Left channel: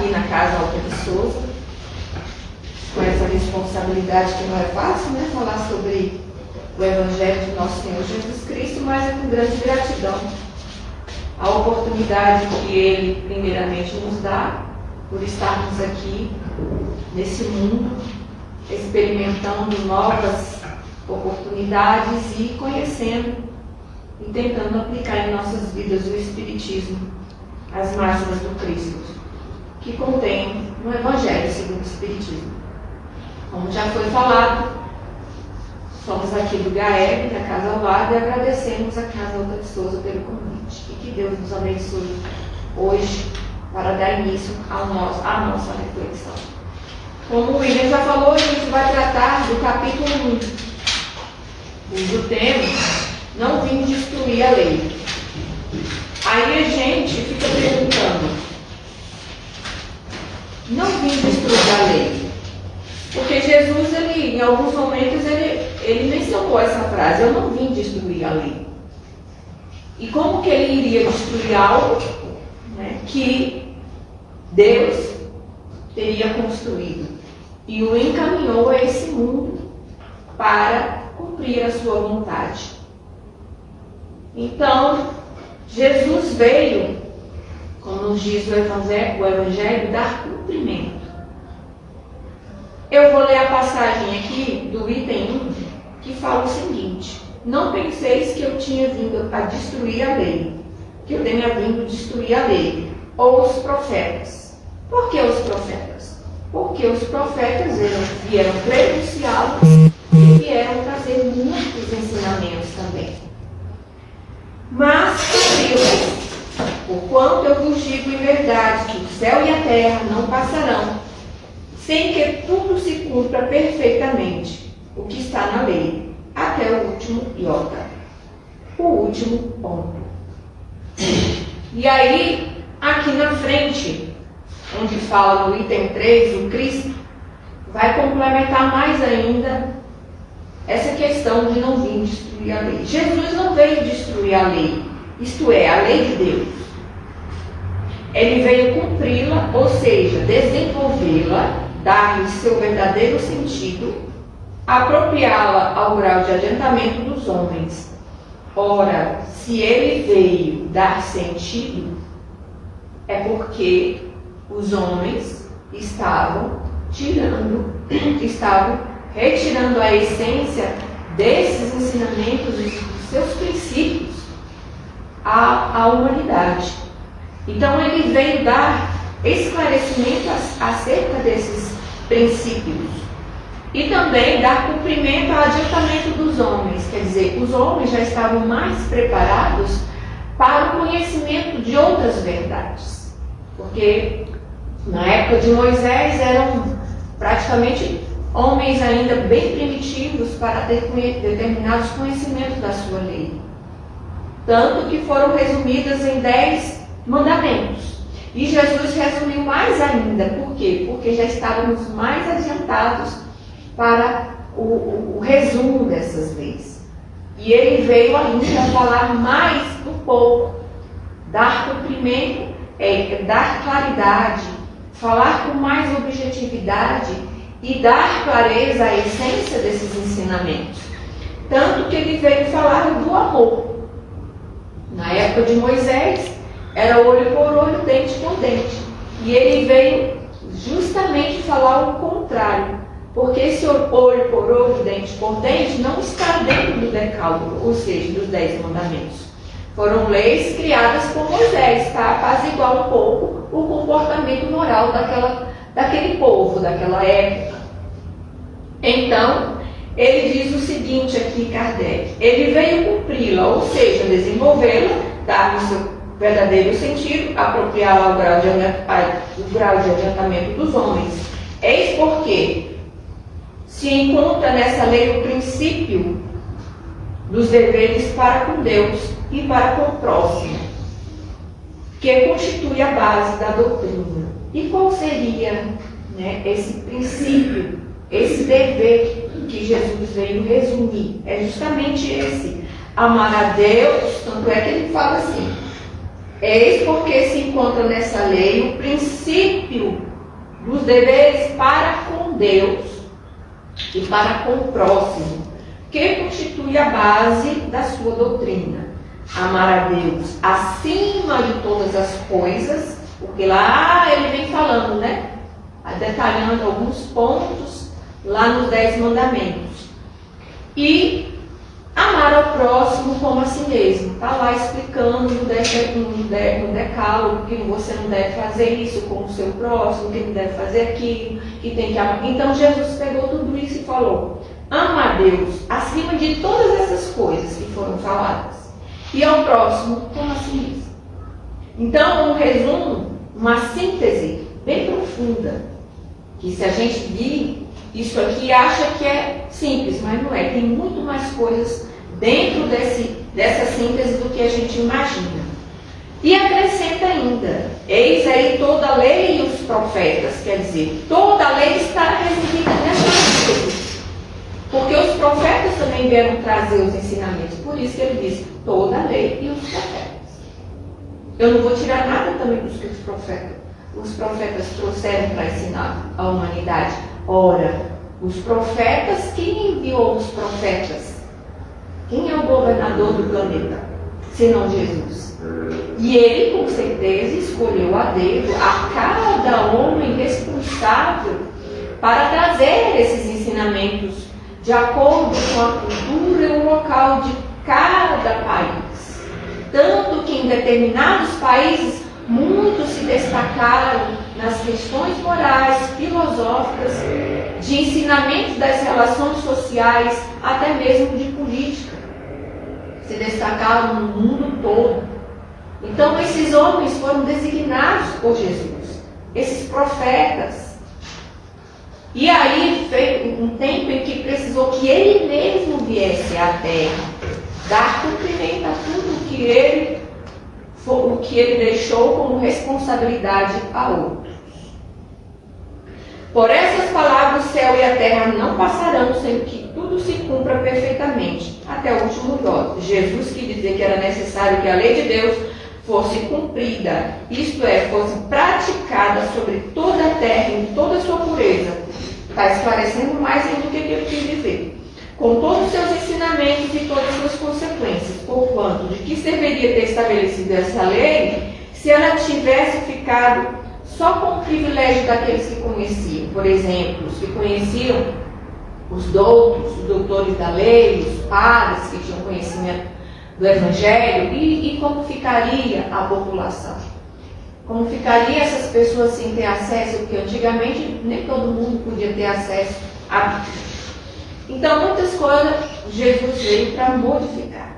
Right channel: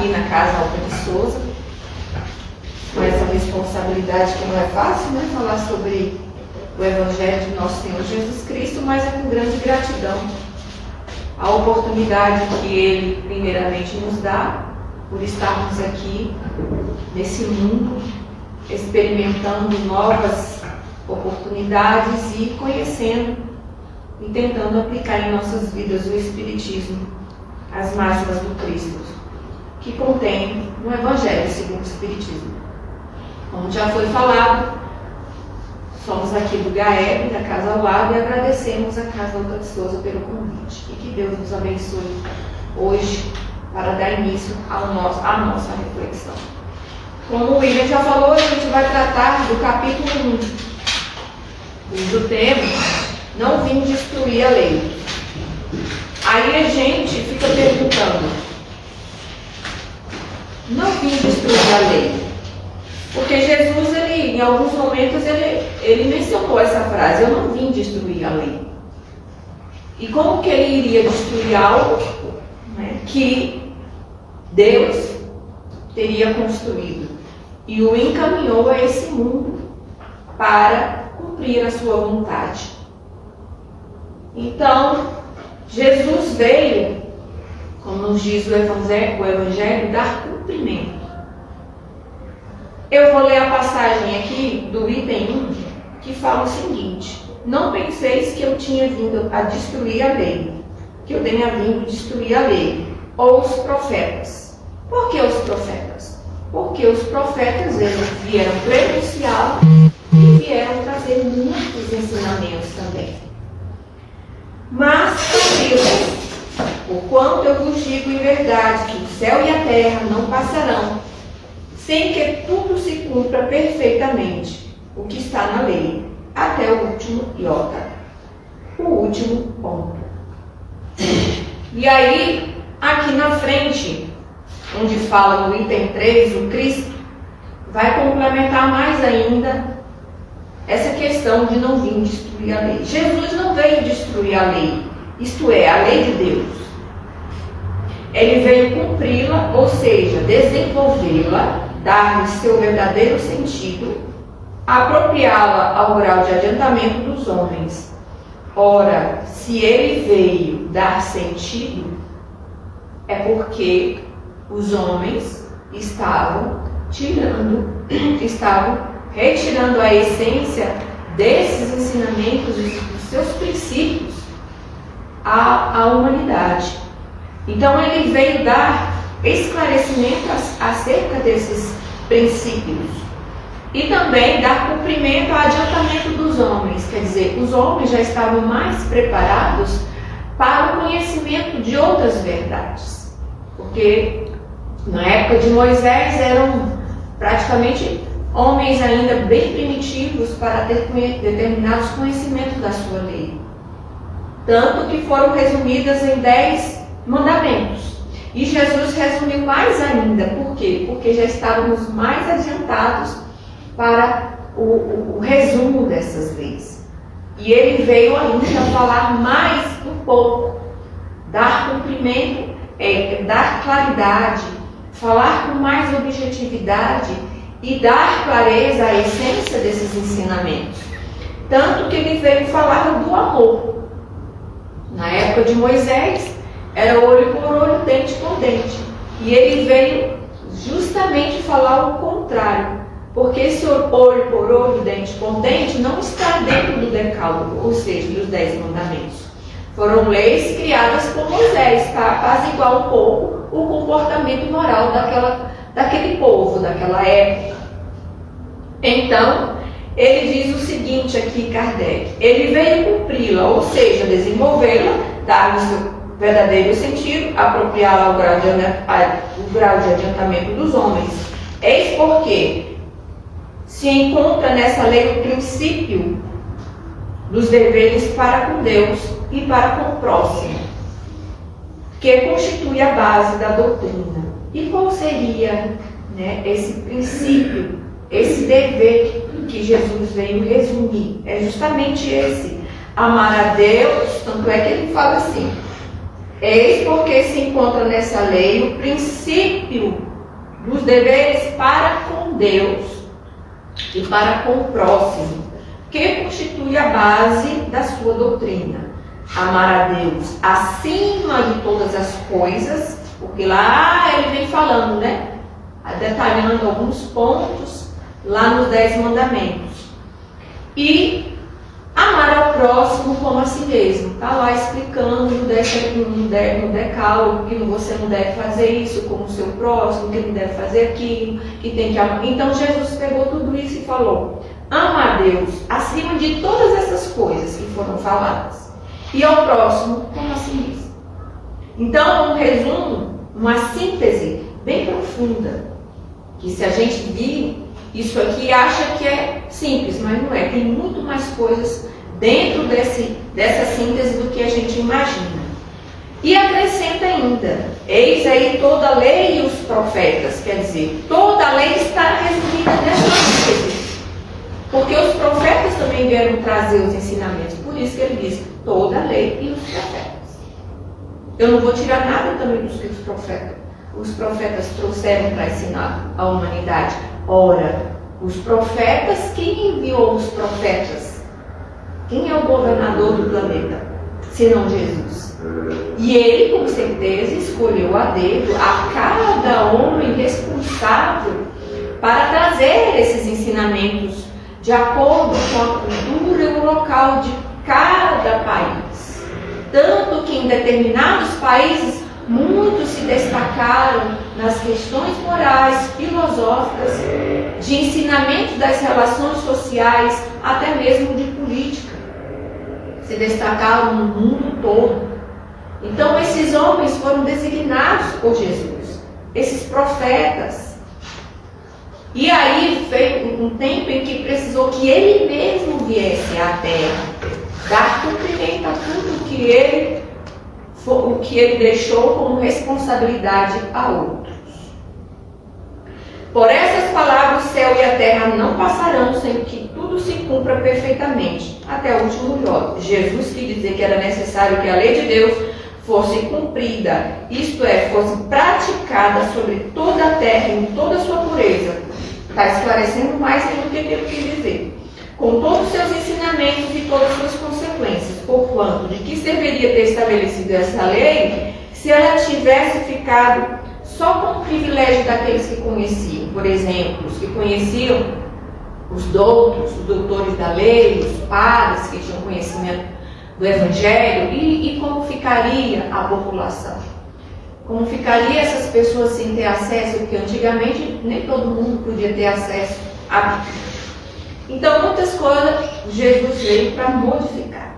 aqui na Casa Alta de Souza, com essa responsabilidade que não é fácil, né? Falar sobre o Evangelho de nosso Senhor Jesus Cristo, mas é com grande gratidão a oportunidade que Ele primeiramente nos dá por estarmos aqui nesse mundo, experimentando novas oportunidades e conhecendo e tentando aplicar em nossas vidas o Espiritismo, as máximas do Cristo, que contém no Evangelho segundo o Espiritismo. Como já foi falado, somos aqui do GAEB, da Casa ao Lado, e agradecemos a Casa Alta de Souza pelo convite. E que Deus nos abençoe hoje para dar início à nossa reflexão. Como o William já falou, a gente vai tratar do capítulo 1, cujo tema, não vim destruir a lei. Aí a gente fica perguntando, não vim destruir a lei. Porque Jesus, em alguns momentos, ele mencionou essa frase, eu não vim destruir a lei. E como que ele iria destruir algo, né, que Deus teria construído e o encaminhou a esse mundo para cumprir a sua vontade? Então, Jesus veio, como nos diz o Evangelho, dar cumprimento. Eu vou ler a passagem aqui do item 1, que fala o seguinte: não penseis que eu tinha vindo a destruir a lei, que eu tenha vindo destruir a lei, ou os profetas. Por que os profetas? Porque os profetas vieram prenunciá-los e vieram trazer muitos ensinamentos também. Mas, porquanto eu vos digo em verdade que o céu e a terra não passarão, sem que tudo se cumpra perfeitamente o que está na lei, até o último iota, o último ponto. E aí, aqui na frente, onde fala no item 3, o Cristo vai complementar mais ainda essa questão de não vir destruir a lei. Jesus não veio destruir a lei, isto é, a lei de Deus. Ele veio cumpri-la, ou seja, desenvolvê-la, dar-lhe seu verdadeiro sentido, apropriá-la ao grau de adiantamento dos homens. Ora, se ele veio dar sentido, é porque os homens estavam retirando a essência desses ensinamentos, dos seus princípios, à humanidade. Então ele veio dar esclarecimento acerca desses princípios e também dar cumprimento ao adiantamento dos homens, quer dizer, os homens já estavam mais preparados para o conhecimento de outras verdades, porque na época de Moisés eram praticamente homens ainda bem primitivos para ter determinados conhecimentos da sua lei, tanto que foram resumidas em 10 mandamentos. E Jesus resumiu mais ainda. Por quê? Porque já estávamos mais adiantados para o resumo dessas leis. E ele veio ainda falar mais um pouco, dar cumprimento, dar claridade, falar com mais objetividade e dar clareza à essência desses ensinamentos. Tanto que ele veio falar do amor. Na época de Moisés, era olho por olho, dente por dente. E ele veio justamente falar o contrário. Porque esse olho por olho, dente por dente, não está dentro do decálogo, ou seja, dos 10 mandamentos. Foram leis criadas por Moisés, para apaziguar um pouco o comportamento moral daquele povo, daquela época. Então, ele diz o seguinte aqui, Kardec: ele veio cumpri-la, ou seja, desenvolvê-la, dar-lhe o seu verdadeiro sentido, apropriá-la ao grau de adiantamento dos homens. Eis porque se encontra nessa lei o princípio dos deveres para com Deus e para com o próximo, que constitui a base da doutrina. E qual seria, esse princípio, esse dever que Jesus veio resumir? É justamente esse: amar a Deus. Tanto é que ele fala assim: Eis porque se encontra nessa lei o princípio dos deveres para com Deus e para com o próximo, que constitui a base da sua doutrina. Amar a Deus acima de todas as coisas, porque lá ele vem falando, né? Detalhando alguns pontos lá nos 10 mandamentos. E amar ao próximo como a si mesmo. Está lá explicando no decálogo que você não deve fazer isso com o seu próximo, que não deve fazer aquilo, que tem que amar. Então Jesus pegou tudo isso e falou: ama a Deus acima de todas essas coisas que foram faladas, e ao próximo como a si mesmo. Então, um resumo, uma síntese bem profunda, que se a gente vir isso aqui acha que é simples, mas não é. Tem muito mais coisas dentro dessa síntese do que a gente imagina. E acrescenta ainda: eis aí toda a lei e os profetas. Quer dizer, toda a lei está resumida nessa síntese. Porque os profetas também vieram trazer os ensinamentos. Por isso que ele diz: toda a lei e os profetas. Eu não vou tirar nada também dos que os profetas trouxeram para ensinar a humanidade. Ora, os profetas, quem enviou os profetas? Quem é o governador do planeta? Senão Jesus. E ele, com certeza, escolheu a dedo a cada homem responsável para trazer esses ensinamentos de acordo com a cultura e o local de cada país. Tanto que em determinados países muitos se destacaram nas questões morais, filosóficas, de ensinamento das relações sociais, até mesmo de política. Se destacaram no mundo todo. Então esses homens foram designados por Jesus, esses profetas. E aí veio um tempo em que precisou que ele mesmo viesse à terra, dar cumprimento a tudo o que ele deixou como responsabilidade a outros. Por essas palavras, o céu e a terra não passarão sem que tudo se cumpra perfeitamente, até o último jota. Jesus quis dizer que era necessário que a lei de Deus fosse cumprida, isto é, fosse praticada sobre toda a terra em toda a sua pureza. Está esclarecendo mais ainda o que ele quis dizer. Com todos os seus ensinamentos e todas as suas consequências, porquanto de que serviria ter estabelecido essa lei se ela tivesse ficado só com o privilégio daqueles que conheciam? Por exemplo, os que conheciam os doutos, os doutores da lei, os padres que tinham conhecimento do Evangelho, e como ficaria a população? Como ficaria essas pessoas sem ter acesso? Porque antigamente nem todo mundo podia ter acesso à Bíblia. Então, muitas coisas Jesus veio para modificar.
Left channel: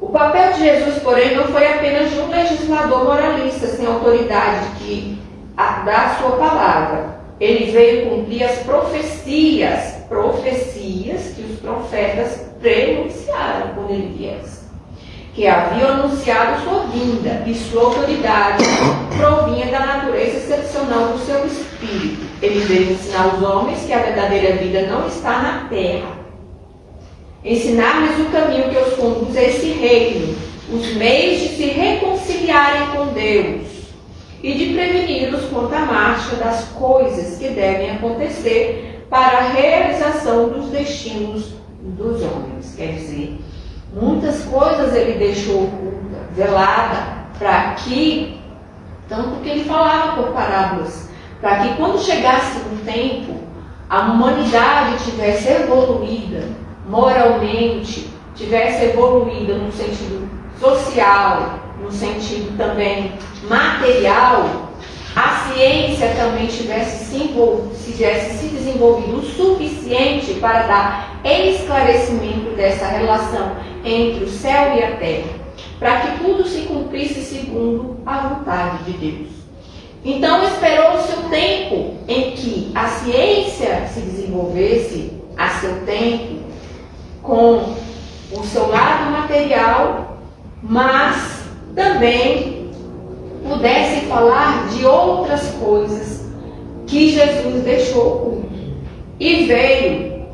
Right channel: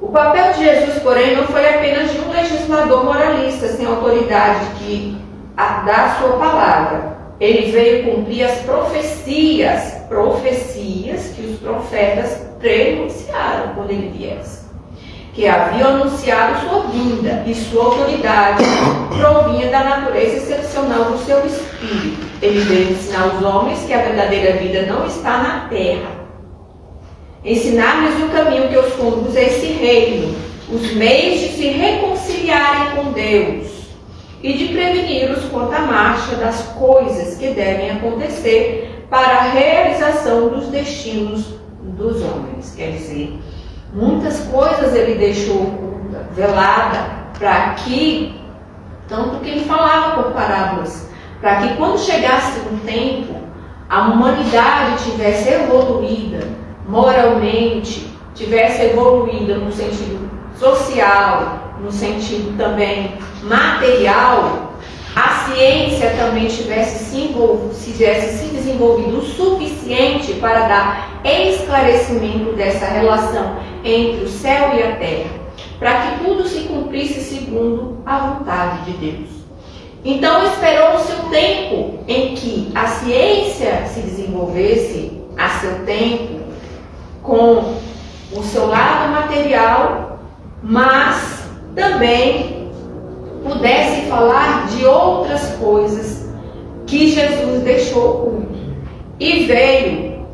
O papel de Jesus, porém, não foi apenas de um legislador moralista sem autoridade que dá a sua palavra. Ele veio cumprir as profecias que os profetas prenunciaram quando ele viesse, que haviam anunciado sua vinda, e sua autoridade provinha da natureza excepcional do seu espírito. Ele veio ensinar os homens que a verdadeira vida não está na terra, ensinar-lhes o caminho que os conduz a esse reino, os meios de se reconciliarem com Deus e de preveni-los quanto à marcha das coisas que devem acontecer para a realização dos destinos dos homens. Quer dizer, muitas coisas ele deixou oculta, velada, para que, tanto que ele falava por parábolas, para que quando chegasse um tempo, a humanidade tivesse evoluída moralmente, tivesse evoluída no sentido social, no sentido também material, a ciência também tivesse se desenvolvido o suficiente para dar esclarecimento dessa relação entre o céu e a terra, para que tudo se cumprisse segundo a vontade de Deus. Então esperou-se o tempo em que a ciência se desenvolvesse a seu tempo, com o seu lado material, mas também pudesse falar de outras coisas que Jesus deixou oculto. E veio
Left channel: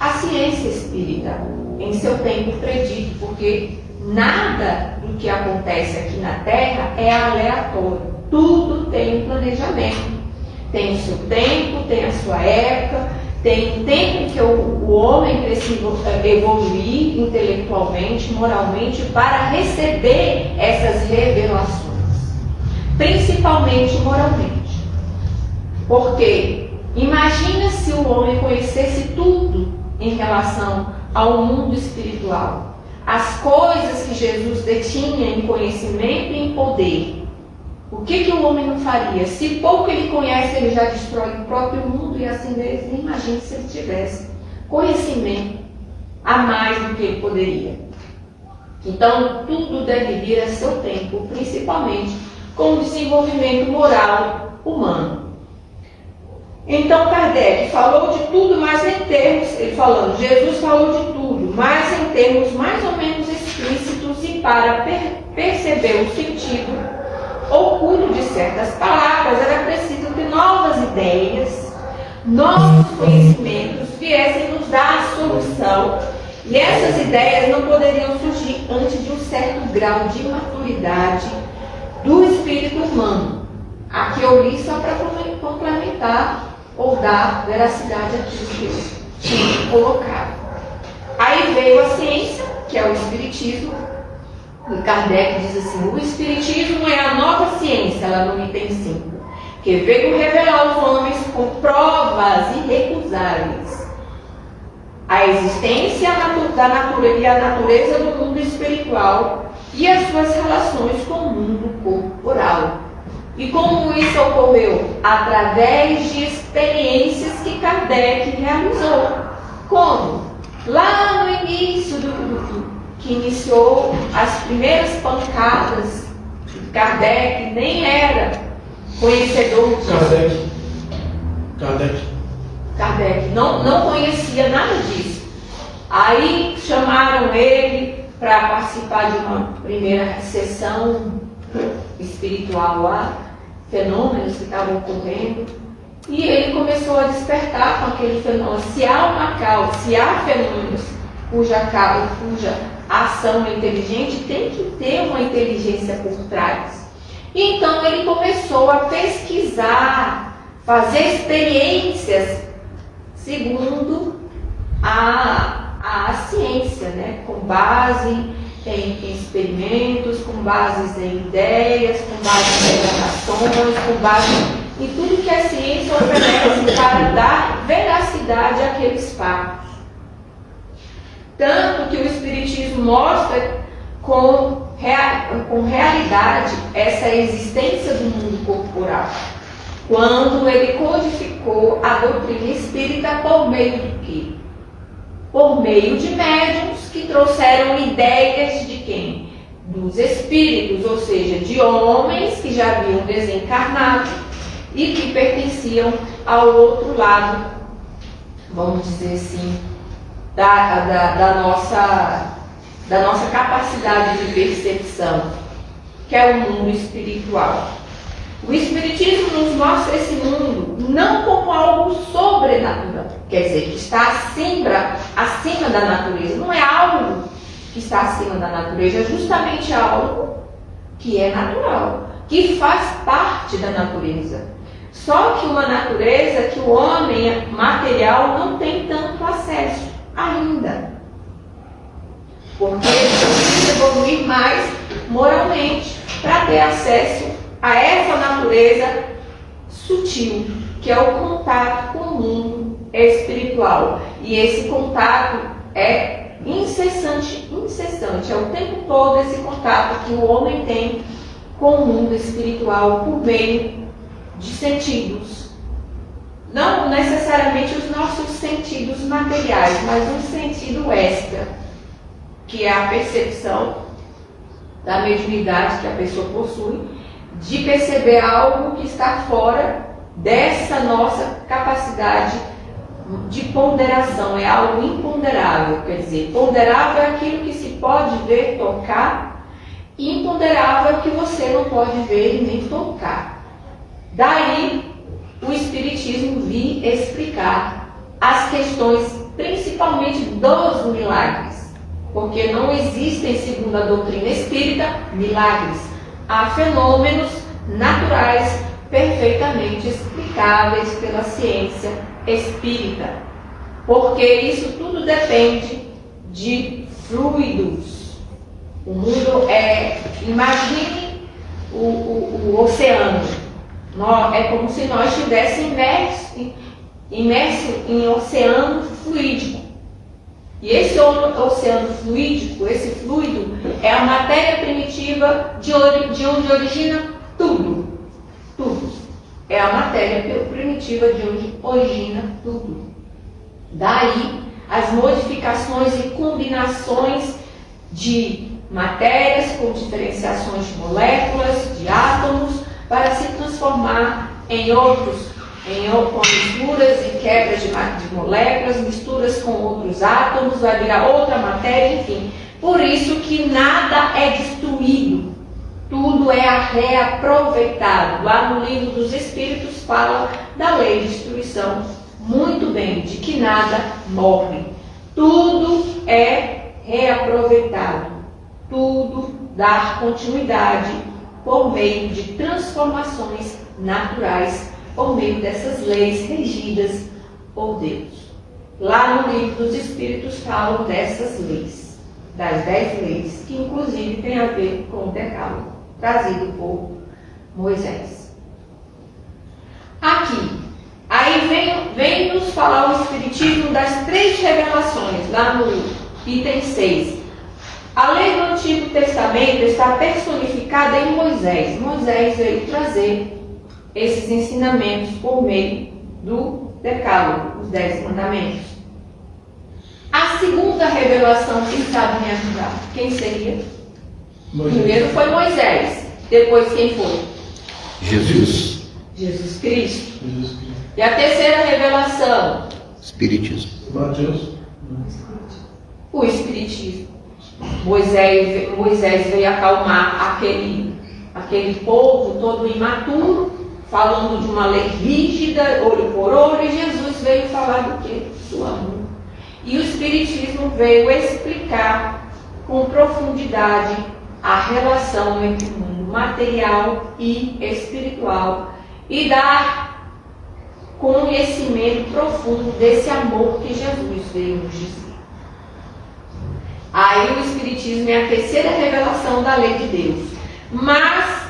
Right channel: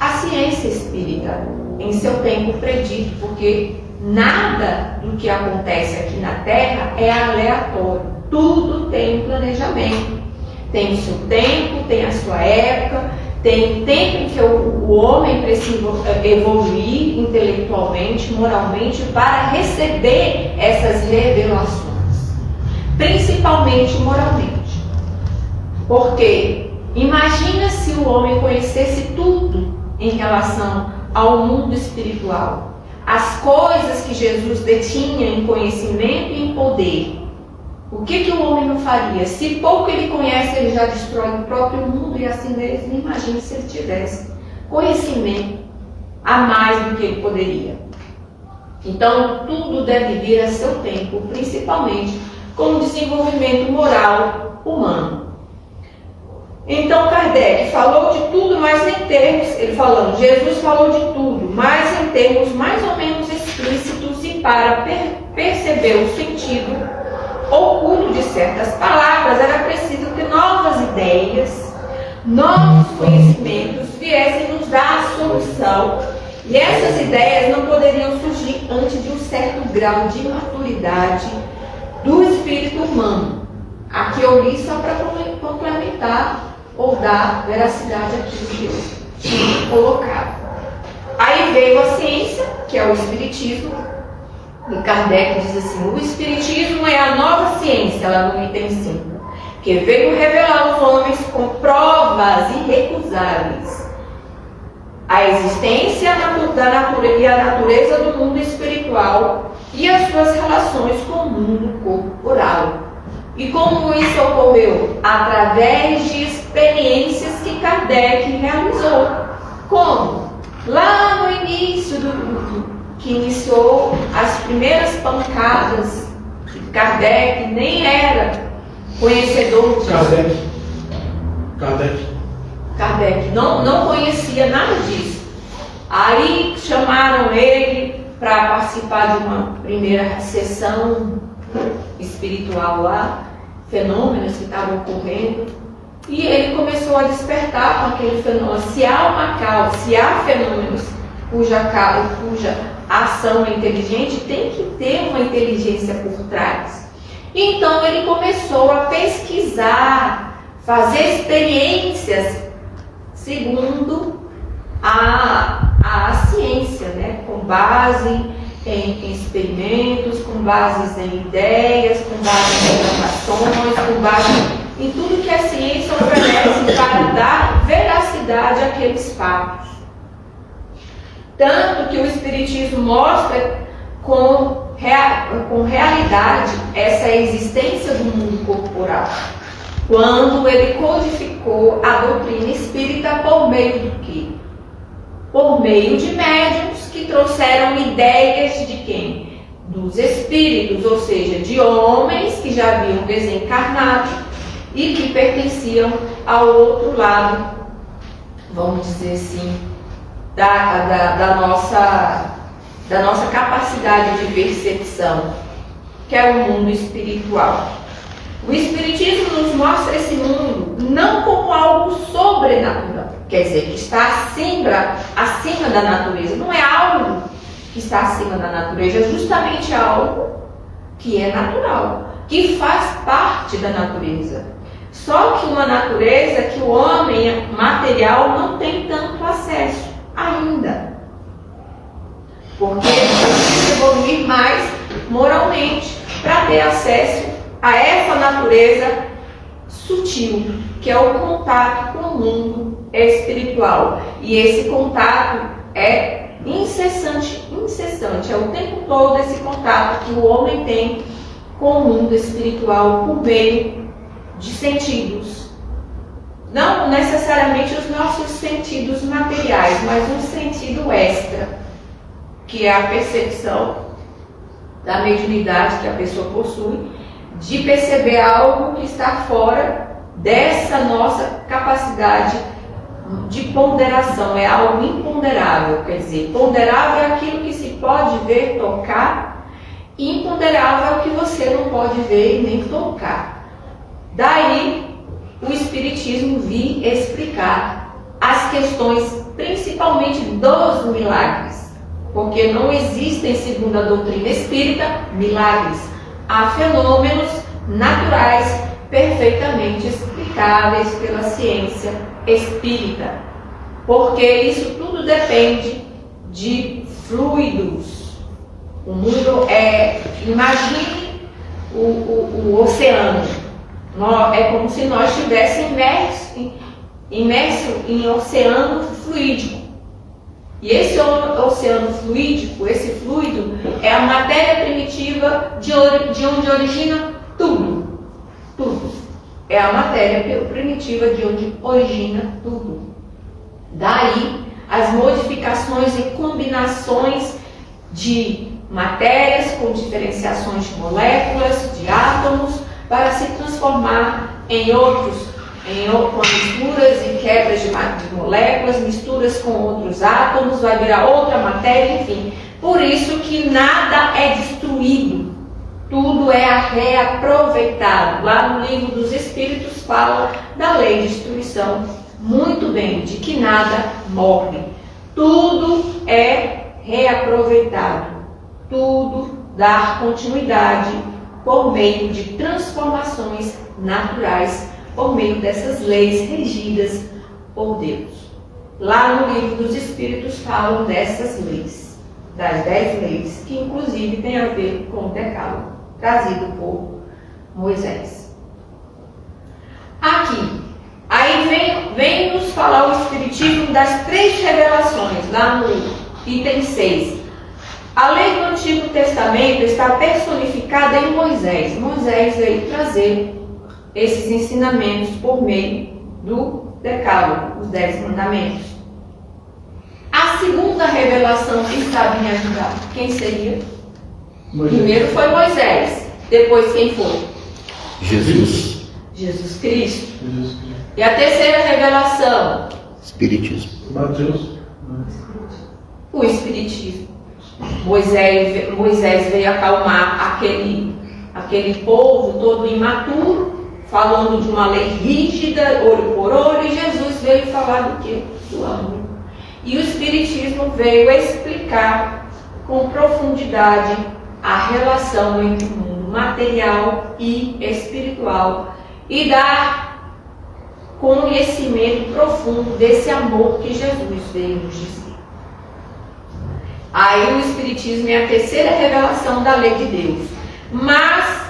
a ciência espírita em seu tempo predito, porque nada do que acontece aqui na Terra é aleatório. Tudo tem um planejamento. Tem o seu tempo, tem a sua época, tem o tempo em que o homem precisa evoluir intelectualmente, moralmente, para receber essas revelações, principalmente moralmente. Porque imagina se o homem conhecesse tudo em relação ao mundo espiritual, as coisas que Jesus detinha em conhecimento e em poder. O que o homem não faria? Se pouco ele conhece, ele já destrói o próprio mundo e assim mesmo. Imagine se ele tivesse conhecimento a mais do que ele poderia. Então, tudo deve vir a seu tempo, principalmente com o desenvolvimento moral humano. Então, Kardec falou de tudo, mas em termos, ele falando, Jesus falou de tudo, mas em termos mais ou menos explícitos e para perceber o sentido oculto de certas palavras, era preciso que novas ideias, novos conhecimentos viessem nos dar a solução. E essas ideias não poderiam surgir antes de um certo grau de maturidade do espírito humano. Aqui eu li só para complementar ou dar veracidade àquilo que eu tinha colocado. Aí veio a ciência, que é o espiritismo. E Kardec diz assim: o espiritismo é a nova ciência, lá no item 5, que veio revelar aos homens com provas irrecusáveis a existência da natureza e a natureza do mundo espiritual e as suas relações com o mundo corporal. E como isso ocorreu? Através de experiências que Kardec realizou. Como? Lá no início que iniciou as primeiras pancadas, Kardec nem era conhecedor disso. Kardec não conhecia nada disso. Aí chamaram ele para participar de uma primeira sessão espiritual lá, fenômenos que estavam ocorrendo, e ele começou a despertar com aquele fenômeno. Se há uma causa, se há fenômenos cuja ação é inteligente, tem que ter uma inteligência por trás. Então ele começou a pesquisar, fazer experiências segundo a ciência, né? Com base em experimentos, com bases em ideias, com base em informações, com base em tudo que a ciência oferece para dar veracidade àqueles fatos. Tanto que o Espiritismo mostra com realidade essa existência do mundo corporal, quando ele codificou a doutrina espírita por meio do quê? Por meio de médiuns que trouxeram ideias de quem? Dos espíritos, ou seja, de homens que já haviam desencarnado e que pertenciam ao outro lado, vamos dizer assim, da nossa capacidade de percepção, que é o mundo espiritual. O Espiritismo nos mostra esse mundo não como algo sobrenatural, quer dizer, que está acima da natureza. Não é algo que está acima da natureza, é justamente algo que é natural, que faz parte da natureza. Só que uma natureza que o homem material não tem tanto acesso ainda, porque precisa evoluir mais moralmente para ter acesso a essa natureza sutil, que é o contato com o mundo espiritual. E esse contato é incessante, é o tempo todo esse contato que o homem tem com o mundo espiritual por meio de sentidos. Não necessariamente os nossos sentidos materiais, mas um sentido extra, que é a percepção da mediunidade que a pessoa possui, de perceber algo que está fora dessa nossa capacidade de ponderação. É algo imponderável, quer dizer, ponderável é aquilo que se pode ver, tocar, e imponderável é o que você não pode ver nem tocar. Daí o Espiritismo vir explicar as questões, principalmente dos milagres. porque não existem, segundo a doutrina espírita, milagres. Há fenômenos naturais perfeitamente explicáveis pela ciência espírita, porque isso tudo depende de fluidos. O mundo imagine o oceano. É como se nós estivéssemos imersos em oceano fluídico. E esse oceano fluídico, esse fluido, é a matéria primitiva de onde origina tudo. Tudo. É a matéria primitiva de onde origina tudo. Daí as modificações e combinações de matérias com diferenciações de moléculas, de átomos, para se transformar em outros, com misturas e quebras de moléculas, misturas com outros átomos, vai virar outra matéria, enfim. Por isso que nada é destruído, tudo é reaproveitado. Lá no Livro dos Espíritos fala da lei de destruição muito bem, de que nada morre. Tudo é reaproveitado, tudo dá continuidade por meio de transformações naturais, por meio dessas leis regidas por Deus. Lá no Livro dos Espíritos falam dessas leis, das 10 leis, que inclusive tem a ver com o Decálogo, trazido por Moisés. Aqui, aí vem nos falar o Espiritismo das 3 revelações, lá no item 6. A lei do Antigo Testamento está personificada em Moisés. Moisés veio trazer esses ensinamentos por meio do Decálogo, os 10 mandamentos. A segunda revelação, quem sabe me ajudar? Quem seria? Moisés. Primeiro foi Moisés, depois quem foi? Jesus. Jesus Cristo. E a terceira revelação? Espiritismo. Mateus. O Espiritismo. Moisés veio acalmar aquele povo todo imaturo, falando de uma lei rígida, olho por olho, e Jesus veio falar do quê? Do amor. E o Espiritismo veio explicar com profundidade a relação entre o mundo material e espiritual e dar conhecimento profundo desse amor que Jesus veio nos dizer. Aí o Espiritismo é a terceira revelação da lei de Deus. Mas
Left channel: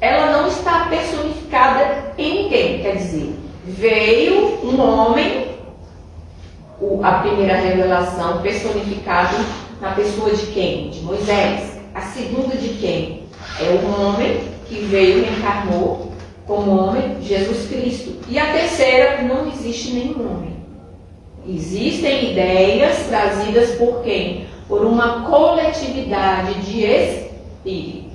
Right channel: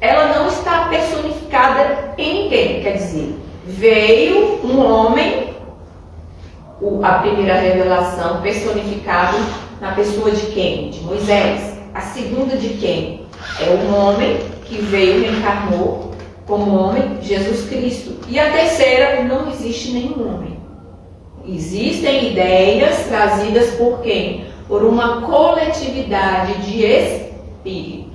ela não está personificada em ninguém. Quer dizer, veio um homem, a primeira revelação personificada na pessoa de quem? De Moisés. A segunda de quem? É um homem que veio, reencarnou como homem, Jesus Cristo. E a terceira, não existe nenhum homem. Existem ideias trazidas por quem? Por uma coletividade de espíritos.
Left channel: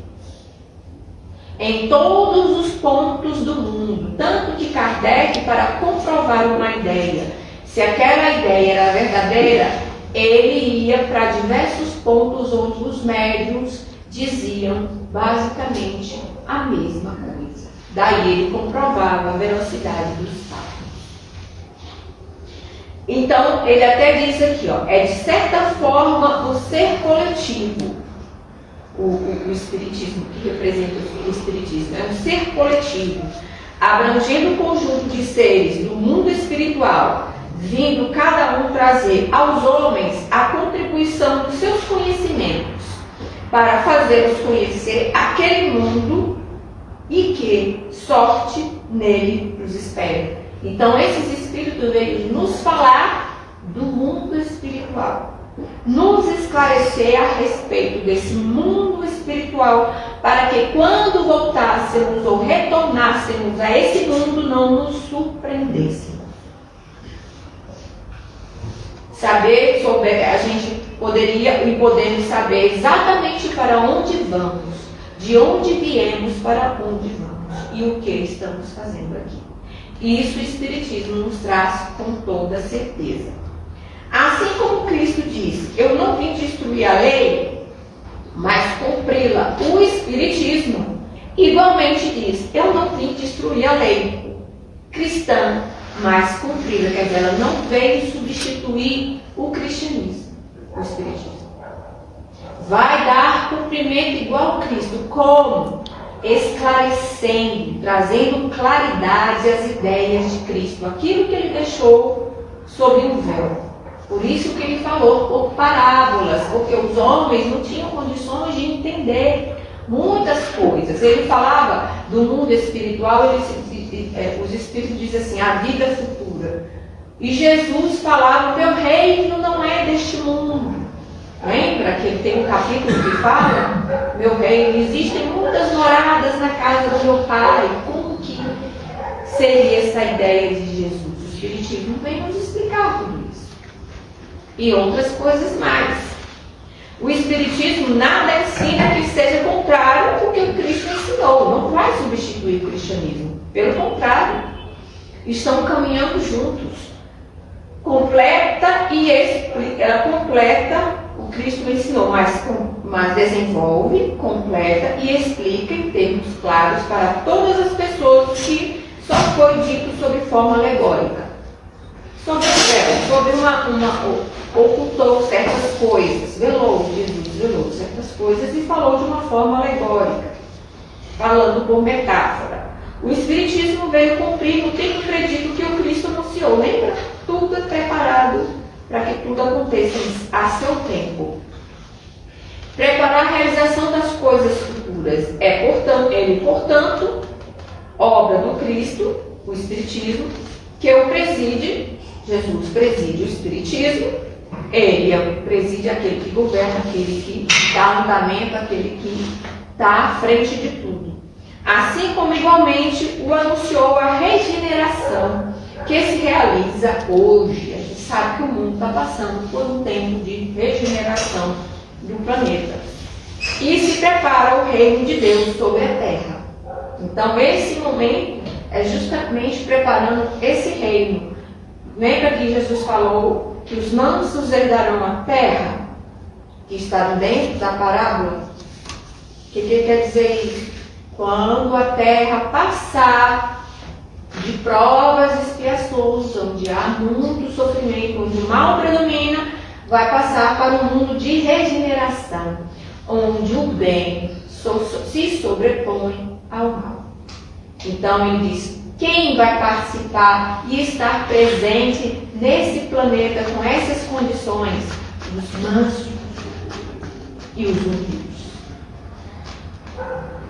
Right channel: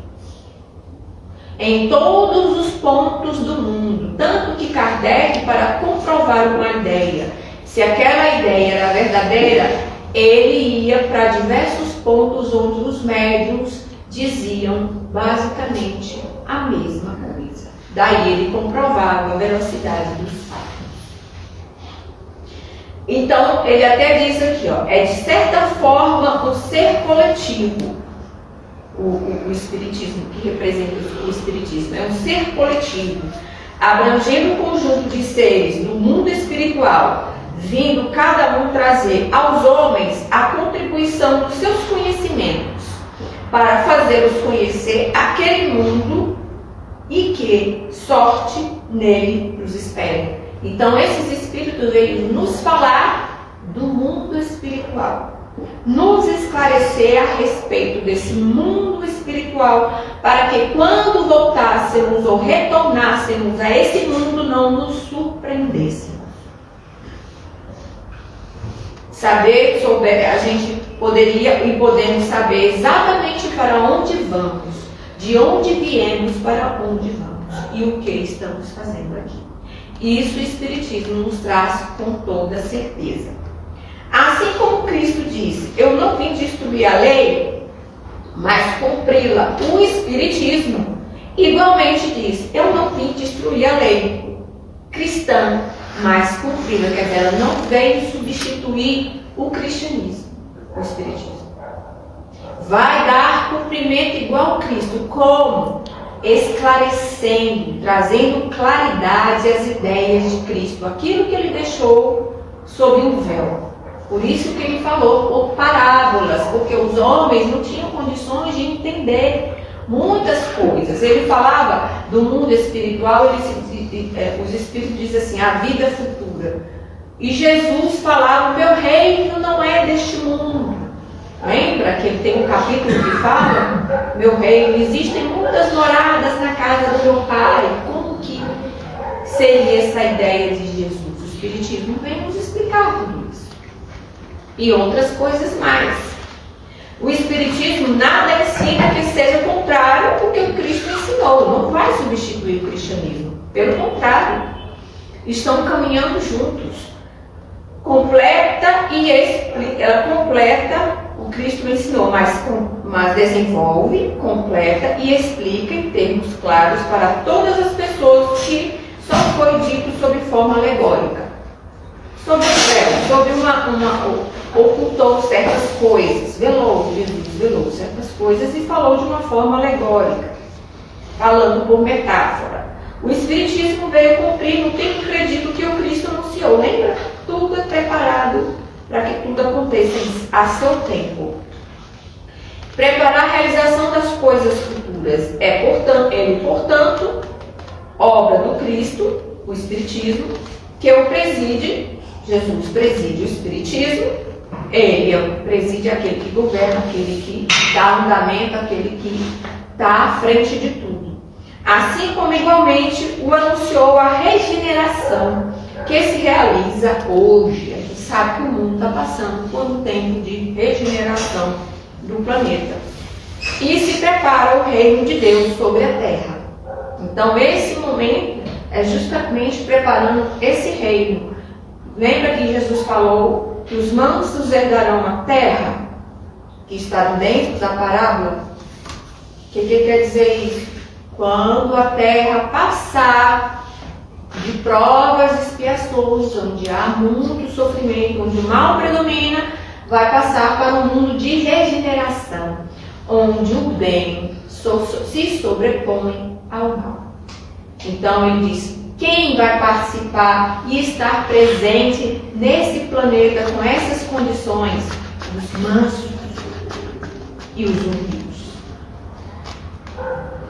Em todos os pontos do mundo. Tanto que Kardec, para comprovar uma ideia, se aquela ideia era verdadeira, ele ia para diversos pontos onde os médiuns diziam basicamente a mesma coisa. Daí ele comprovava a veracidade dos fatos. Então, ele até diz aqui, é de certa forma o ser coletivo, o Espiritismo, que representa o Espiritismo, é um ser coletivo, abrangendo um conjunto de seres do mundo espiritual, vindo cada um trazer aos homens a contribuição dos seus conhecimentos, para fazê-los conhecer aquele mundo e que sorte nele os espera. Então, esses espíritos veio nos falar do mundo espiritual, nos esclarecer a respeito desse mundo espiritual, para que quando voltássemos ou retornássemos a esse mundo, não nos surpreendêssemos. A gente poderia e podemos saber exatamente para onde vamos, de onde viemos, para onde vamos e o que estamos fazendo aqui. Isso o Espiritismo nos traz com toda certeza. Assim como Cristo disse, eu não vim destruir a lei, mas cumpri-la. O Espiritismo igualmente diz, eu não vim destruir a lei cristã, mas cumpri-la. Quer dizer, ela não veio substituir o cristianismo, o Espiritismo. Vai dar cumprimento igual a Cristo. Como? Esclarecendo, trazendo claridade às ideias de Cristo, aquilo que ele deixou sob um véu. Por isso que ele falou por parábolas, porque os homens não tinham condições de entender muitas coisas. Ele falava do mundo espiritual, os espíritos dizem assim, a vida futura. E Jesus falava, meu reino não é deste mundo. Lembra que ele tem um capítulo que fala, meu reino, existem muitas moradas na casa do meu Pai. Como que seria essa ideia de Jesus? O Espiritismo vem nos explicar tudo isso. E outras coisas mais. O Espiritismo nada ensina que seja contrário ao que o Cristo ensinou. Não vai substituir o cristianismo. Pelo contrário, estão caminhando juntos. Completa e explica. Ela completa o Cristo ensinou, mas desenvolve, completa e explica em termos claros para todas as pessoas que só foi dito sob forma alegórica. Sobre o véu, ocultou certas coisas, Jesus velou certas coisas e falou de uma forma alegórica, falando por metáfora. O Espiritismo veio cumprir no tempo acredito que o Cristo anunciou. Lembra? Tudo é preparado para que tudo aconteça a seu tempo. Preparar a realização das coisas futuras portanto, obra do Cristo, o Espiritismo, que o preside. Jesus preside o Espiritismo, ele preside aquele que governa, aquele que dá andamento, aquele que está à frente de tudo. Assim como igualmente o anunciou a regeneração que se realiza hoje. A gente sabe que o mundo está passando por um tempo de regeneração do planeta. E se prepara o reino de Deus sobre a terra. Então esse momento é justamente preparando esse reino. Lembra que Jesus falou que os mansos herdarão a terra, que está dentro da parábola? O que quer dizer isso? Quando a terra passar de provas e expiações, onde há muito sofrimento, onde o mal predomina, vai passar para um mundo de regeneração, onde o bem se sobrepõe ao mal. Então ele diz, quem vai participar e estar presente nesse planeta com essas condições? Os mansos e os humildes.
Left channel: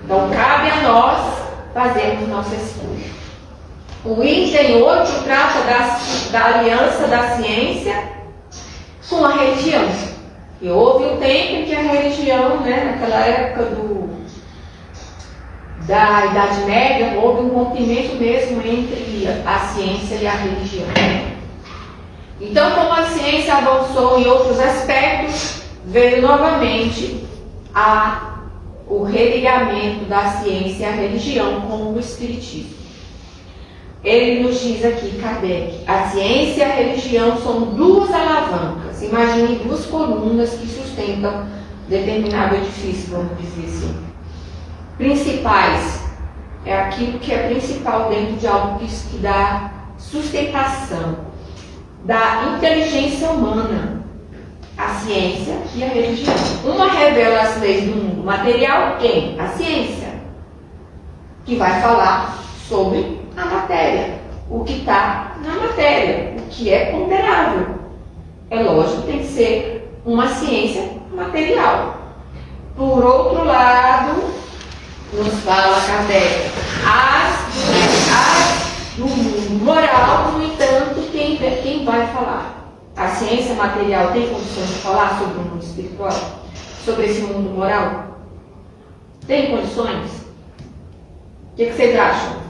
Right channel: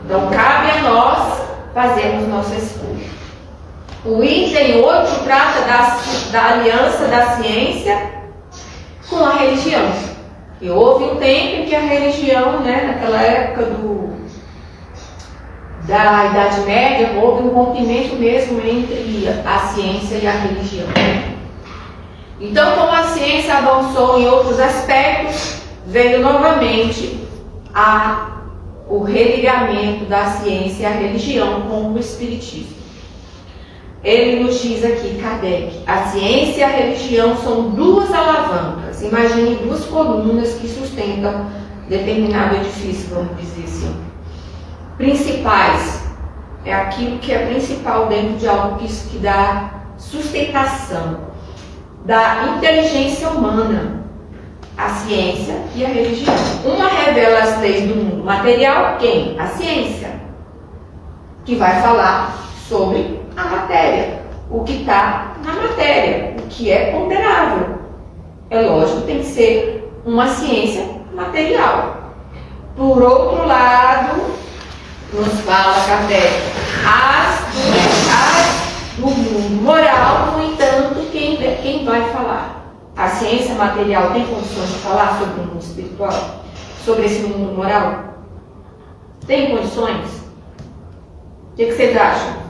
Então cabe a nós fazermos nossa escolha. O item 8 trata da aliança da ciência com a religião. E houve um tempo em que a religião, naquela época da Idade Média, houve um rompimento mesmo entre a ciência e a religião. Então, como a ciência avançou em outros aspectos, veio novamente o religamento da ciência e a religião com o Espiritismo. Ele nos diz aqui, Kardec, a ciência e a religião são duas alavancas. Imagine duas colunas que sustentam determinado edifício, vamos dizer assim. Principais é aquilo que é principal dentro de algo que dá sustentação, da inteligência humana, a ciência e a religião. Uma revela as leis do mundo material, quem? A ciência, que vai falar sobre a matéria, o que está na matéria, o que é ponderável. É lógico, tem que ser uma ciência material. Por outro lado, nos fala Kardec, no mundo moral, no entanto, quem vai falar? A ciência material tem condições de falar sobre o mundo espiritual? Sobre esse mundo moral? Tem condições? O que vocês acham?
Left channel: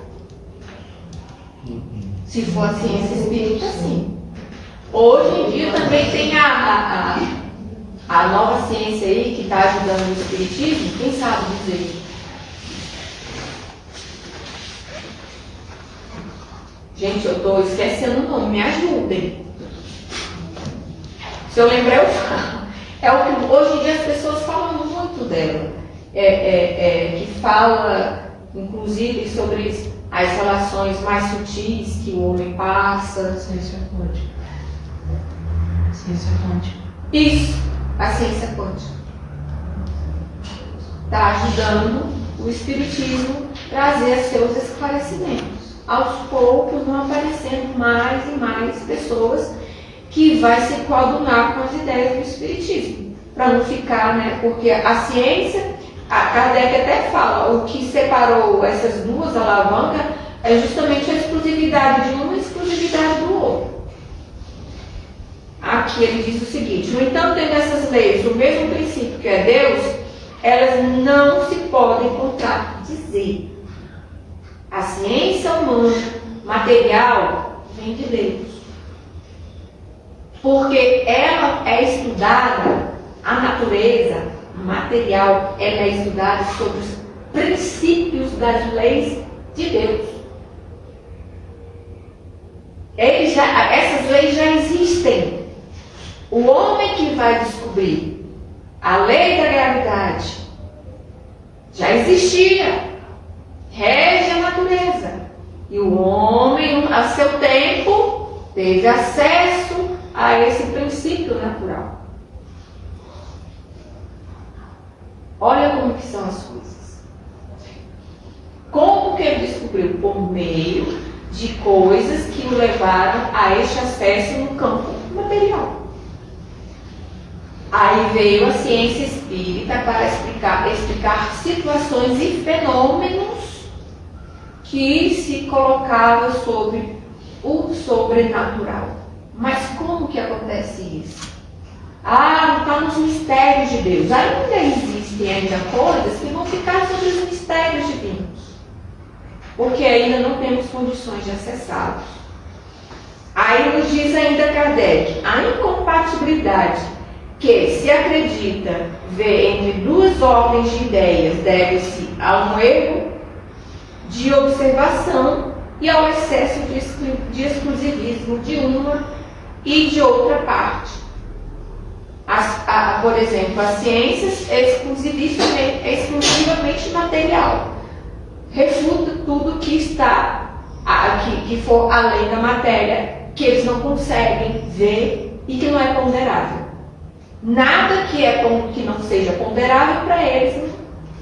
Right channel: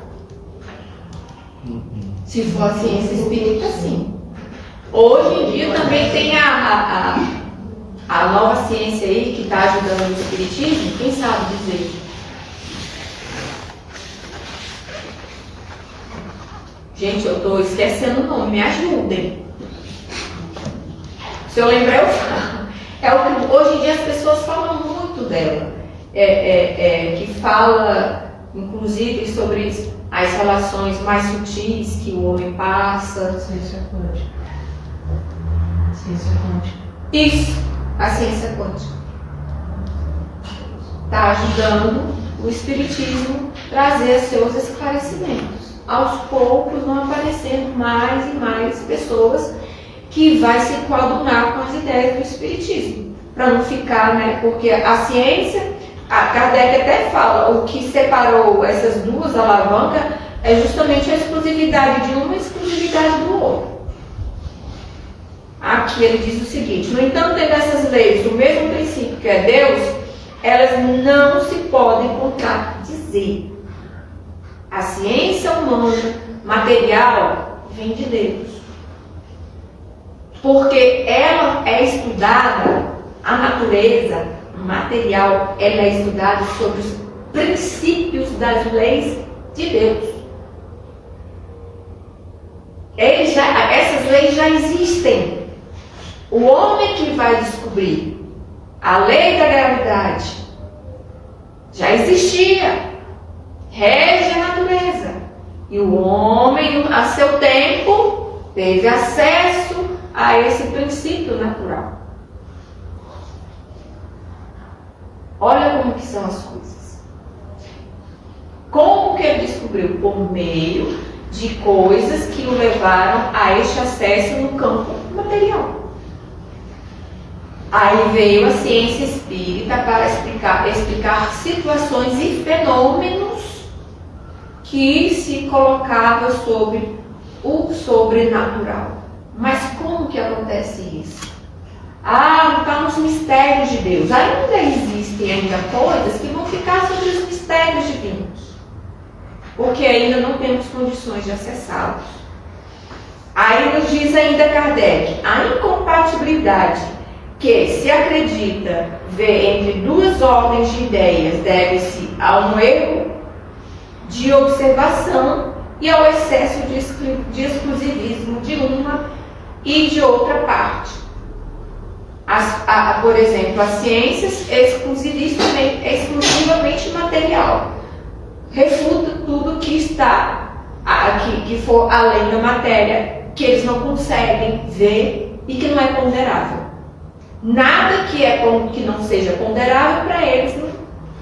Se for a ciência espírita, sim. Hoje em dia também tem a nova ciência aí que está ajudando o espiritismo. Quem sabe dizer? Gente, eu estou esquecendo o nome, me ajudem. Se eu lembrar, eu falo. Hoje em dia as pessoas falam muito dela. Que fala, inclusive, sobre as relações mais sutis que o homem passa. Ciência quântica. Ciência quântica. Isso. a ciência quântica? Está ajudando o Espiritismo a trazer seus esclarecimentos. Aos poucos vão aparecendo mais e mais pessoas que vai se coadunar com as ideias do Espiritismo. Para não ficar, né? Porque a ciência, a Kardec até fala, o que separou essas duas alavancas é justamente a exclusividade de uma e a exclusividade do outro. Aqui ele diz o seguinte: no entanto, tendo essas leis o mesmo princípio que é Deus, elas não se podem contradizer. A ciência humana, material, vem de Deus. Porque ela é estudada, a natureza material, ela é estudada sobre os princípios das leis de Deus. Essas leis já existem. O homem que vai descobrir a lei da gravidade já existia, rege a natureza. E o homem, a seu tempo, teve acesso a esse princípio natural. Olha como que são as coisas. Como que ele descobriu? Por meio de coisas que o levaram a este acesso no campo material. Aí veio a ciência espírita para explicar situações e fenômenos que se colocavam sobre o sobrenatural. Mas como que acontece isso? Não está nos mistérios de Deus. Ainda existem coisas que vão ficar sobre os mistérios divinos, porque ainda não temos condições de acessá-los. Aí nos diz ainda Kardec, a incompatibilidade que se acredita ver entre duas ordens de ideias deve-se a um erro de observação e ao excesso de exclusivismo de uma e de outra parte. Por exemplo, as ciências exclusivamente material refuta tudo que está que for além da matéria, que eles não conseguem ver e que não é ponderável. Nada que não seja ponderável para eles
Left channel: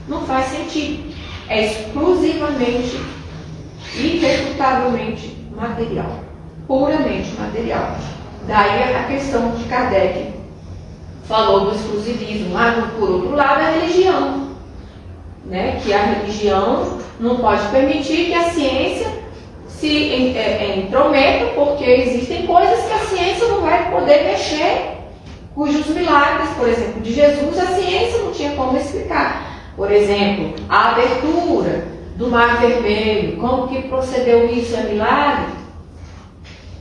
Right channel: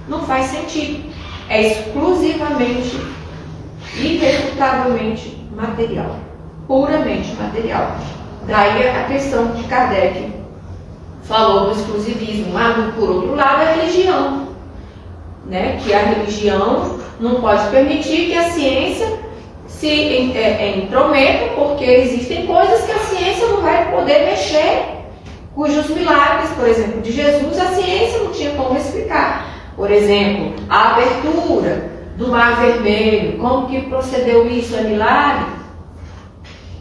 não faz sentido. É exclusivamente, irrefutavelmente material, puramente material. Daí a questão que Kardec falou do exclusivismo. Por outro lado, a religião, né? Que a religião não pode permitir que a ciência se intrometa, porque existem coisas que a ciência não vai poder mexer, cujos milagres, por exemplo, de Jesus, a ciência não tinha como explicar. Por exemplo, a abertura do Mar Vermelho, como que procedeu isso? É milagre?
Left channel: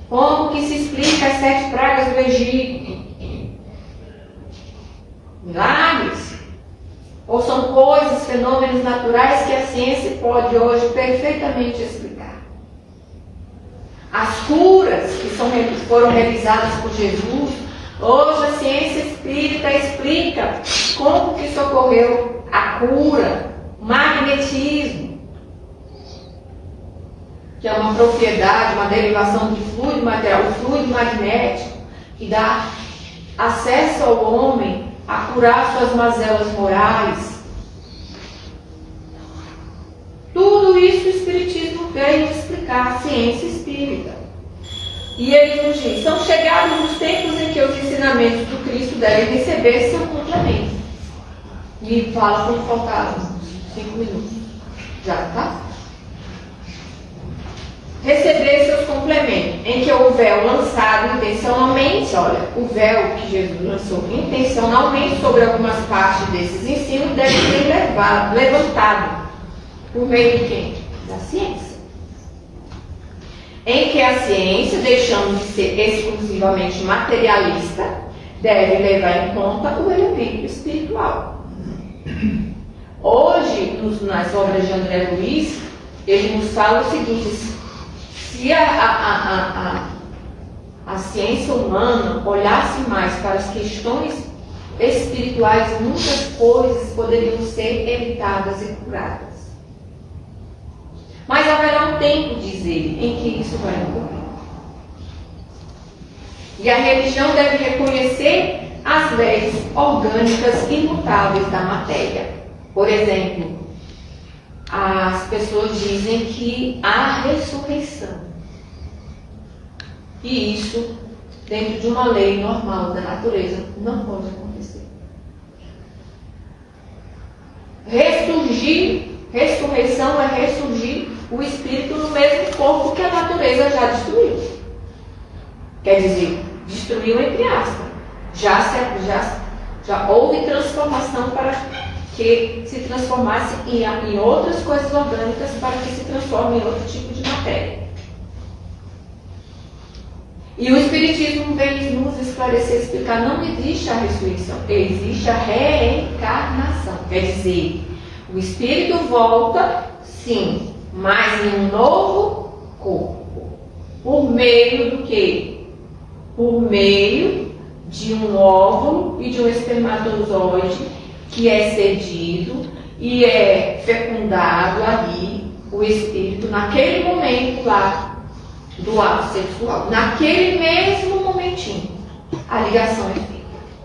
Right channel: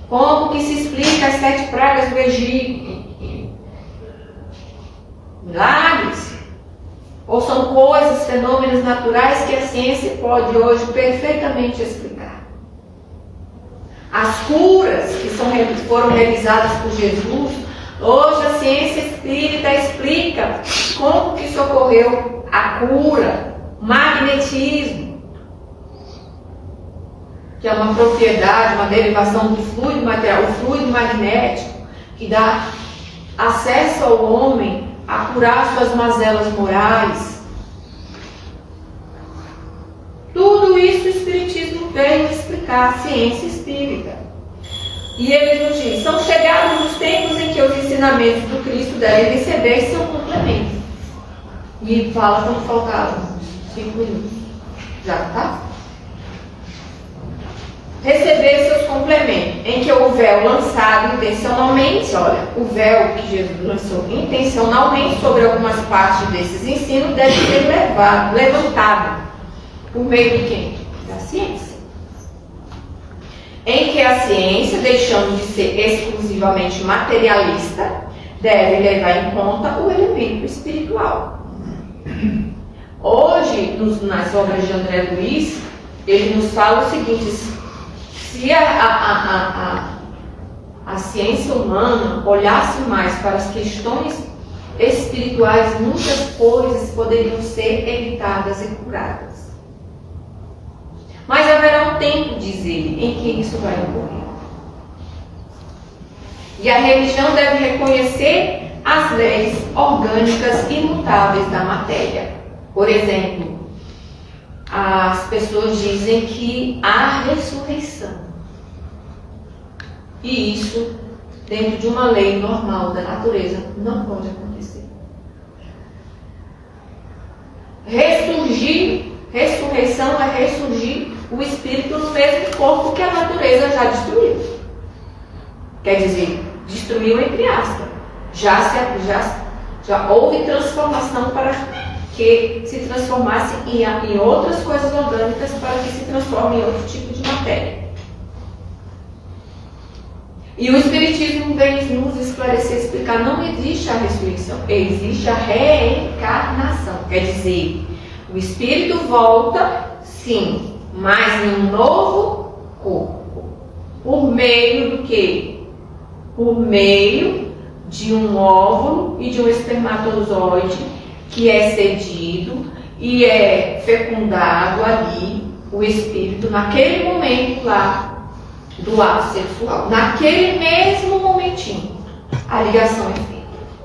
Como que se explica as 7 pragas do Egito? Milagres? Ou são coisas, fenômenos naturais que a ciência pode hoje perfeitamente explicar? As curas que foram realizadas por Jesus, hoje a ciência espírita explica como que isso ocorreu, a cura, magnetismo, que é uma propriedade, uma derivação do fluido material, o fluido magnético, que dá acesso ao homem a curar suas mazelas morais. Tudo isso o Espiritismo veio explicar, a ciência espírita. E ele nos diz, são chegados os tempos em que os ensinamentos do Cristo devem receber seu complemento. E fala quando faltaram 5 minutos. Já, tá? Receber seus complementos, em que o véu lançado intencionalmente, olha, o véu que Jesus lançou intencionalmente sobre algumas partes desses ensinos deve ser levantado. Por meio de quem? Da ciência. Em que a ciência, deixando de ser exclusivamente materialista, deve levar em conta o elemento espiritual. Hoje, nas obras de André Luiz, ele nos fala o seguinte: se a ciência humana olhasse mais para as questões espirituais, muitas coisas poderiam ser evitadas e curadas. Mas haverá um tempo, diz ele, em que isso vai ocorrer. E a religião deve reconhecer as leis orgânicas imutáveis da matéria. Por exemplo, as pessoas dizem que há ressurreição. E isso, dentro de uma lei normal da natureza, não pode acontecer. Ressurreição é ressurgir o espírito no mesmo corpo que a natureza já destruiu. Quer dizer, destruiu entre aspas. Já houve transformação para que se transformasse em outras coisas orgânicas para que se transforme em outro tipo de matéria. E o Espiritismo vem nos esclarecer, explicar, não existe a ressurreição, existe a reencarnação. Quer dizer, o espírito volta, sim, mas em um novo corpo. Por meio do quê? Por meio de um óvulo e de um espermatozoide que é cedido e é fecundado ali, o espírito, naquele momento lá do ato sexual. Naquele mesmo momentinho, a ligação é feita,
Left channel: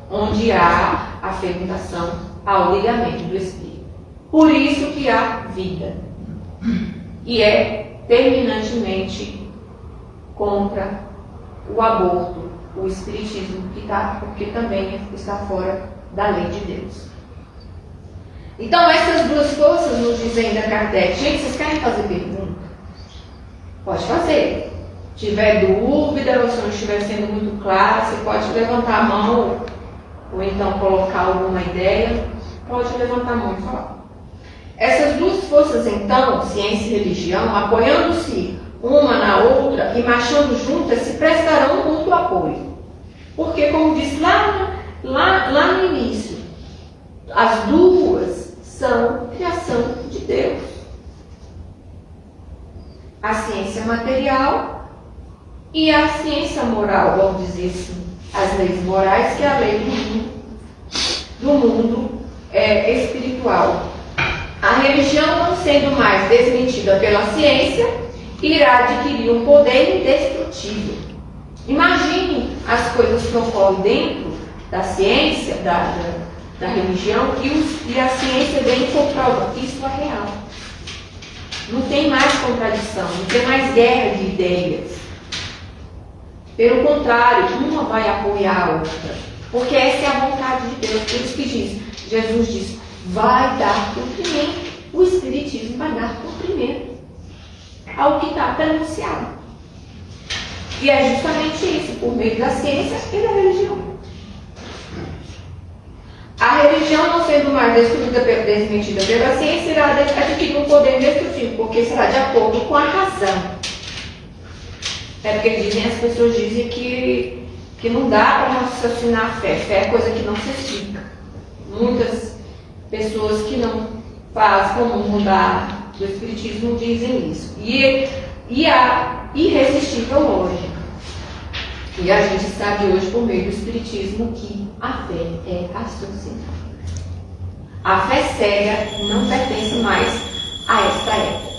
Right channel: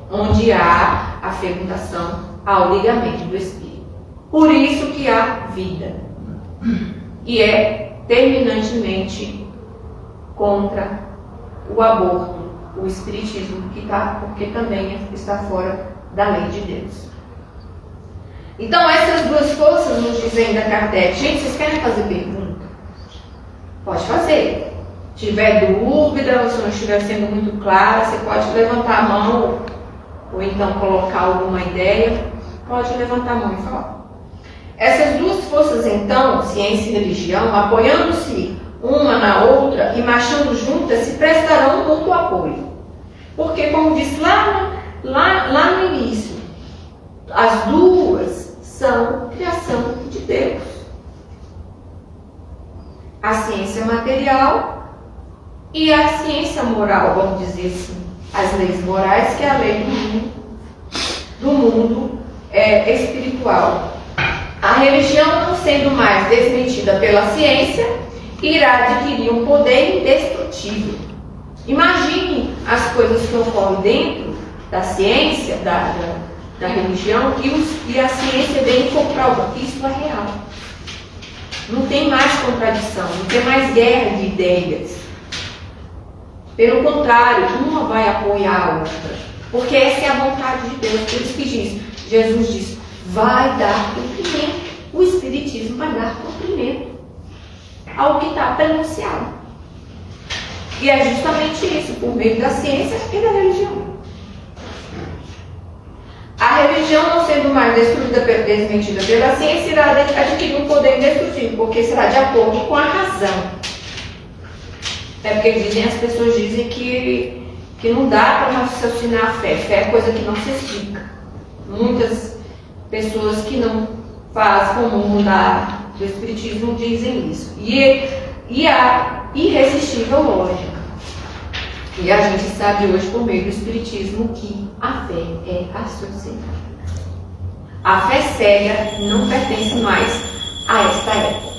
onde há a fecundação ao ligamento do espírito. Por isso que há vida. E é terminantemente contra o aborto, o espiritismo, porque também está fora da lei de Deus. Então, essas duas forças nos dizem da Kardec. Gente, vocês querem fazer pergunta? Pode fazer. Se tiver dúvida, ou se não estiver sendo muito claro, você pode levantar a mão, ou então colocar alguma ideia. Pode levantar a mão e falar. Essas duas forças, então, ciência e religião, apoiando-se uma na outra e marchando juntas, se prestarão um mútuo apoio. Porque, como disse lá no início, as duas são criação de Deus. A ciência material e a ciência moral, vamos dizer assim. As leis morais, que é a lei do mundo espiritual. A religião, não sendo mais desmentida pela ciência, irá adquirir um poder indestrutível. Imagine as coisas que ocorrem dentro da ciência, da religião, e a ciência vem comprovar que isso é real. Não tem mais contradição, não tem mais guerra de ideias. Pelo contrário, uma vai apoiar a outra. Porque essa é a vontade de Deus. Por isso que Jesus diz, vai dar cumprimento. O Espiritismo vai dar cumprimento ao que está pronunciado. E é justamente isso, por meio da ciência e da religião. A religião, não sendo mais desmentida pela ciência, irá adquirir um poder indestrutível, porque será de acordo com a razão. É porque as pessoas dizem que não dá para raciocinar a fé. Fé é coisa que não se explica. Muitas pessoas que não fazem comum do Espiritismo dizem isso. E a irresistível lógica. E a gente sabe hoje, por meio do Espiritismo, que a fé é raciocinada. A fé cega não pertence mais a esta época.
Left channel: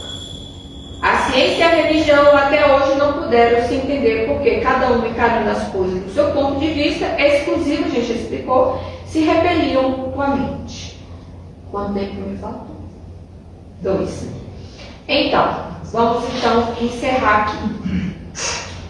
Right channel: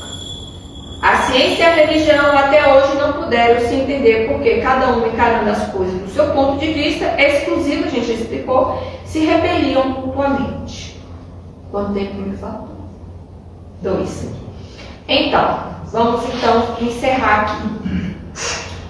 A ciência e a religião até hoje não puderam se entender porque cada uma e cada uma das coisas, do seu ponto de vista exclusivo, a gente já explicou, se repeliam mutuamente. Quanto tempo me faltou? 2. Então, vamos encerrar aqui.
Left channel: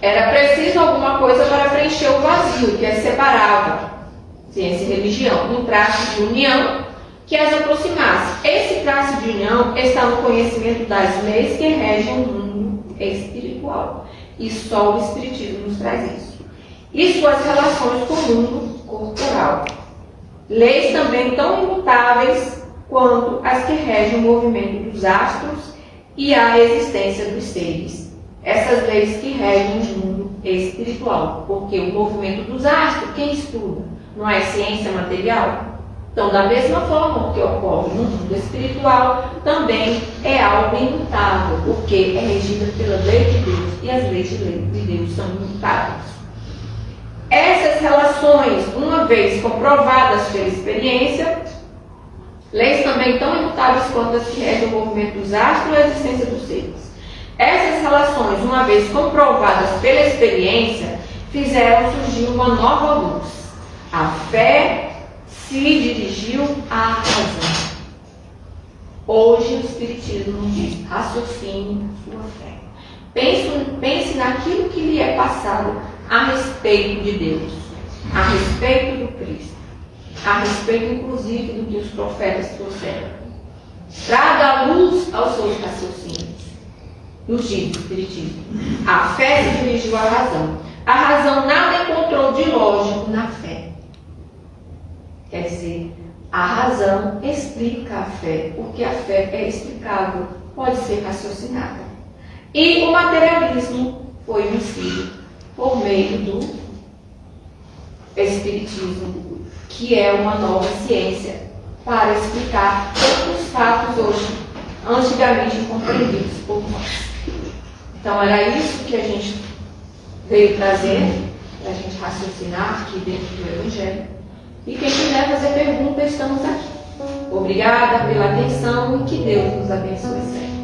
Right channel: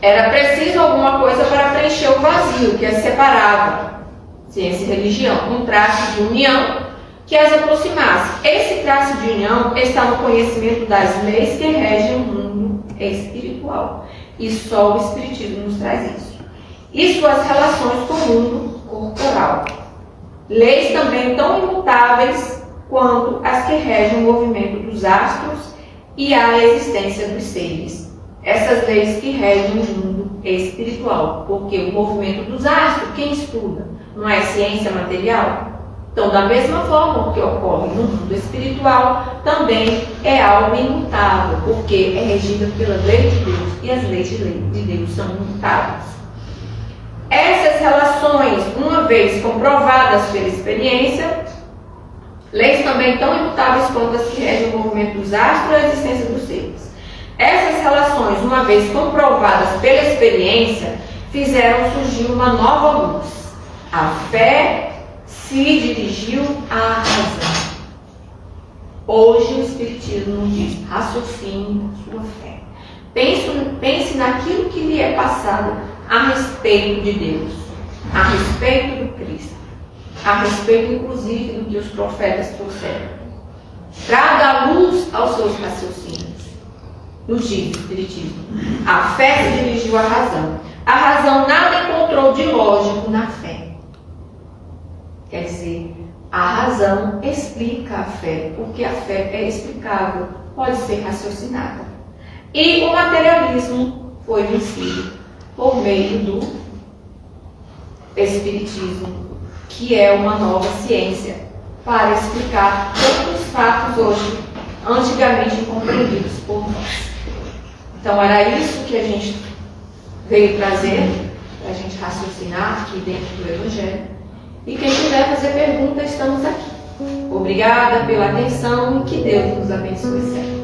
Era preciso alguma coisa para preencher o vazio que as separava, ciência e religião, um traço de união que as aproximasse. Esse traço de união está no conhecimento das leis que regem o mundo espiritual. E só o Espiritismo nos traz isso. E suas relações com o mundo corporal. Leis também tão imutáveis quanto as que regem o movimento dos astros e a existência dos seres. Essas leis que regem o mundo espiritual. Porque o movimento dos astros, quem estuda? Não é ciência material? Então, da mesma forma que ocorre no mundo espiritual, também é algo imutável, porque é regida pela lei de Deus, e as leis de Deus são imutáveis. Essas relações, uma vez comprovadas pela experiência, leis também tão imutáveis quanto as que regem o movimento dos astros e a existência dos seres. Essas relações, uma vez comprovadas pela experiência, fizeram surgir uma nova luz. A fé se dirigiu à razão. Hoje o Espiritismo nos diz: raciocine sua fé. Pense naquilo que lhe é passado a respeito de Deus, a respeito do Cristo, a respeito inclusive do que os profetas trouxeram. Traga luz aos seus raciocínios. Nos diz o Espiritismo: a fé se dirigiu à razão. A razão nada encontrou de lógico na fé. Quer dizer, a razão explica a fé, porque a fé é explicável, pode ser raciocinada. E o materialismo foi vencido por meio do Espiritismo, que é uma nova ciência para explicar todos os fatos hoje, antigamente incompreendidos por nós. Então era isso que a gente veio trazer, para a gente raciocinar aqui dentro do Evangelho. E quem quiser fazer pergunta, estamos aqui. Obrigada pela atenção e que Deus nos abençoe sempre.